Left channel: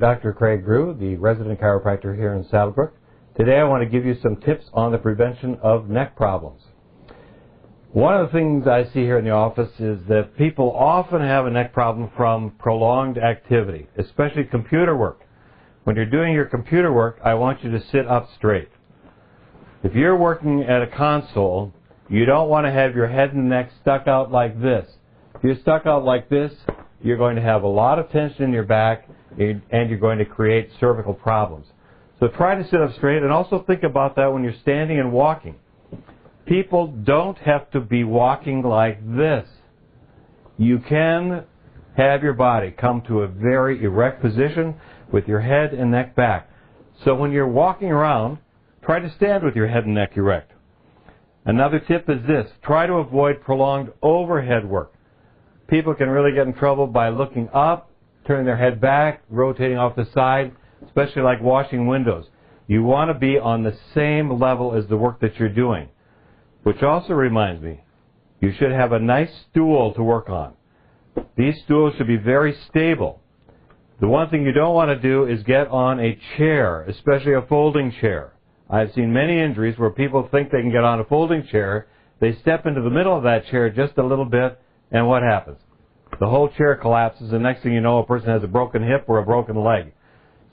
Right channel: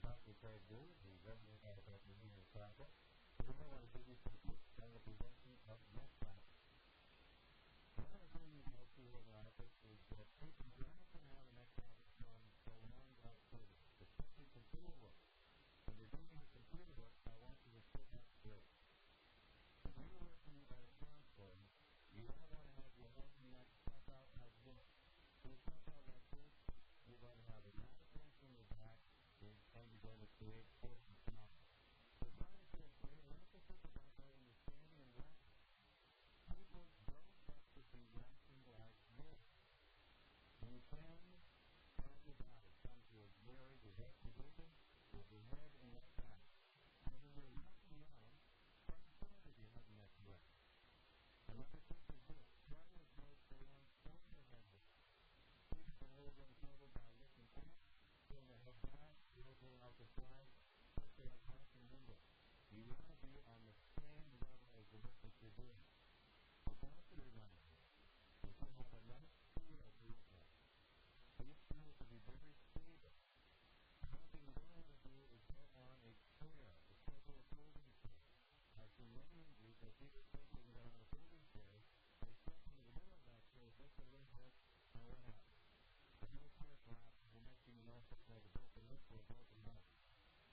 Dr. Craig Brue, the resident chiropractor here in Saddlebrooke. Today I want to give you some tips on the prevention of neck problems. One of the things I see here in the office is that people often have a neck problem from prolonged activity, especially computer work. When you're doing your computer work, I want you to sit up straight. If you're working at a console, you don't want to have your head and neck stuck out like this. If you're stuck out like this, you're going to have a lot of tension in your back and you're going to create cervical problems. So try to sit up straight, and also think about that when you're standing and walking. People don't have to be walking like this. You can have your body come to a very erect position with your head and neck back. So when you're walking around, try to stand with your head and neck erect. Another tip is this: try to avoid prolonged overhead work. People can really get in trouble by looking up, turning their head back, rotating off the side, especially like washing windows. You want to be on the same level as the work that you're doing. Which also reminds me, you should have a nice stool to work on. These stools should be very stable. The one thing you don't want to do is get on a chair, especially a folding chair. I've seen many injuries where people think they can get on a folding chair, they step into the middle of that chair just a little bit, and what happens? The whole chair collapses, and next thing you know, a person has a broken hip or a broken leg.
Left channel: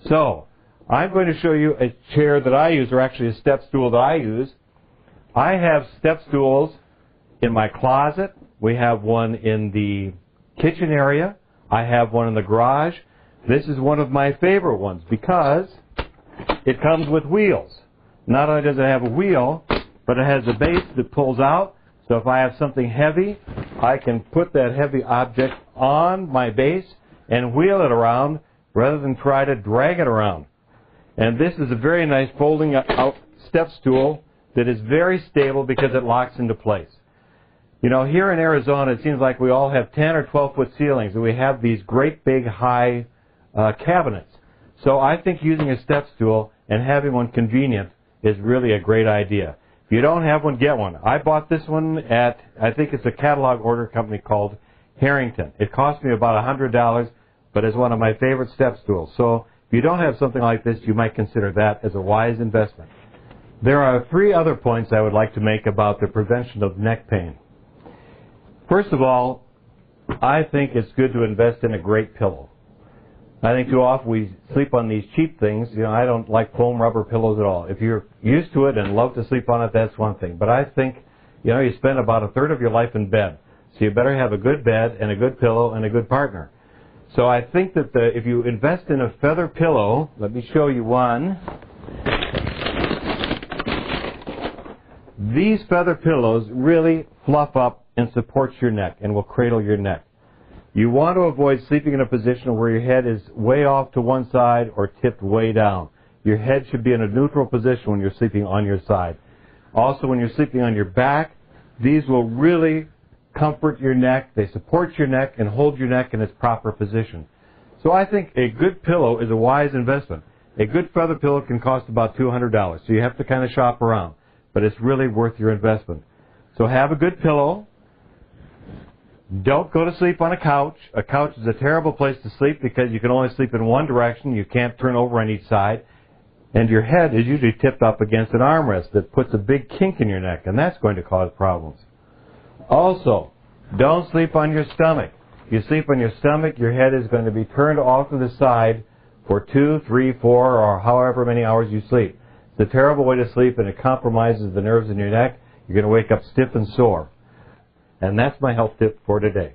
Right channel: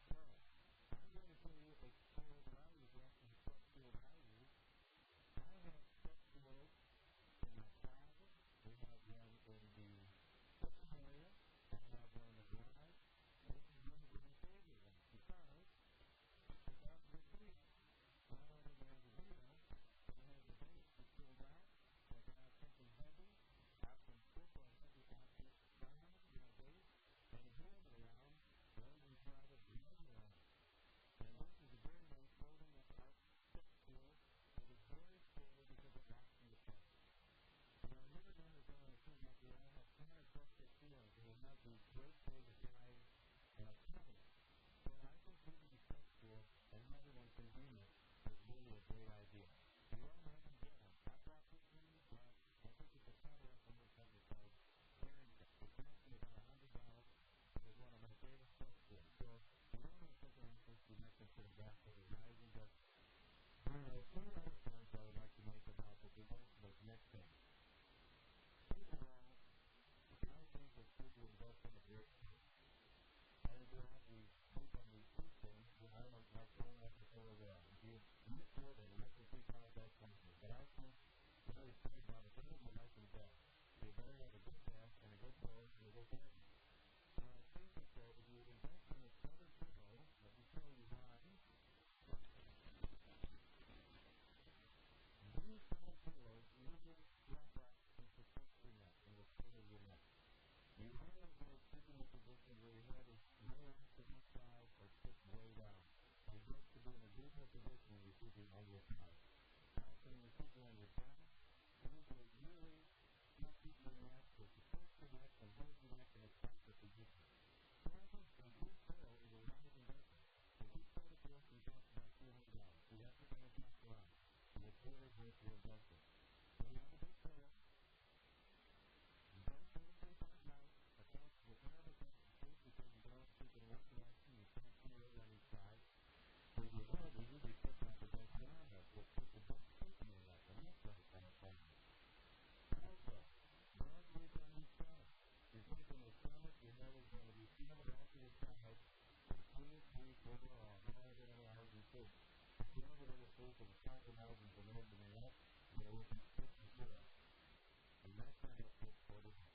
So, I'm going to show you a chair that I use, or actually a step stool that I use. I have step stools in my closet. We have one in the kitchen area. I have one in the garage. This is one of my favorite ones because it comes with wheels. Not only does it have a wheel, but it has a base that pulls out. So if I have something heavy, I can put that heavy object on my base and wheel it around rather than try to drag it around. And this is a very nice folding out step stool that is very stable because it locks into place. You know, here in Arizona, it seems like we all have 10 or 12-foot ceilings, and we have these great big high cabinets. So I think using a step stool and having one convenient is really a great idea. If you don't have one, get one. I bought this one at, I think it's a catalog order company called Harrington. It cost me about $100, but it's one of my favorite step stools. So if you don't have something like this, you might consider that as a wise investment. There are 3 other points I would like to make about the prevention of neck pain. First of all, I think it's good to invest in a great pillow. I think too often we sleep on these cheap things. You know, I don't like foam rubber pillows at all. If you're used to it and love to sleep on it, that's one thing. But I think, you know, you spend about a third of your life in bed. So you better have a good bed and a good pillow and a good partner. So I think that if you invest in a feather pillow, let me show you one. These feather pillows really fluff up and support your neck and will cradle your neck. You want to avoid sleeping in a position where your head is way off to one side or tipped way down. Your head should be in a neutral position when you're sleeping on your side. Also, when you're sleeping on your back, these will really comfort your neck. They support your neck and hold your neck in its proper position. So I think a good pillow is a wise investment. A good feather pillow can cost about $200, so you have to kind of shop around. But it's really worth your investment. So have a good pillow. Don't go to sleep on a couch. A couch is a terrible place to sleep because you can only sleep in one direction. You can't turn over on each side. And your head is usually tipped up against an armrest that puts a big kink in your neck, and that's going to cause problems. Also, don't sleep on your stomach. If you sleep on your stomach, your head is going to be turned off to the side for 2, 3, 4, or however many hours you sleep. It's a terrible way to sleep, and it compromises the nerves in your neck. You're going to wake up stiff and sore. And that's my health tip for today.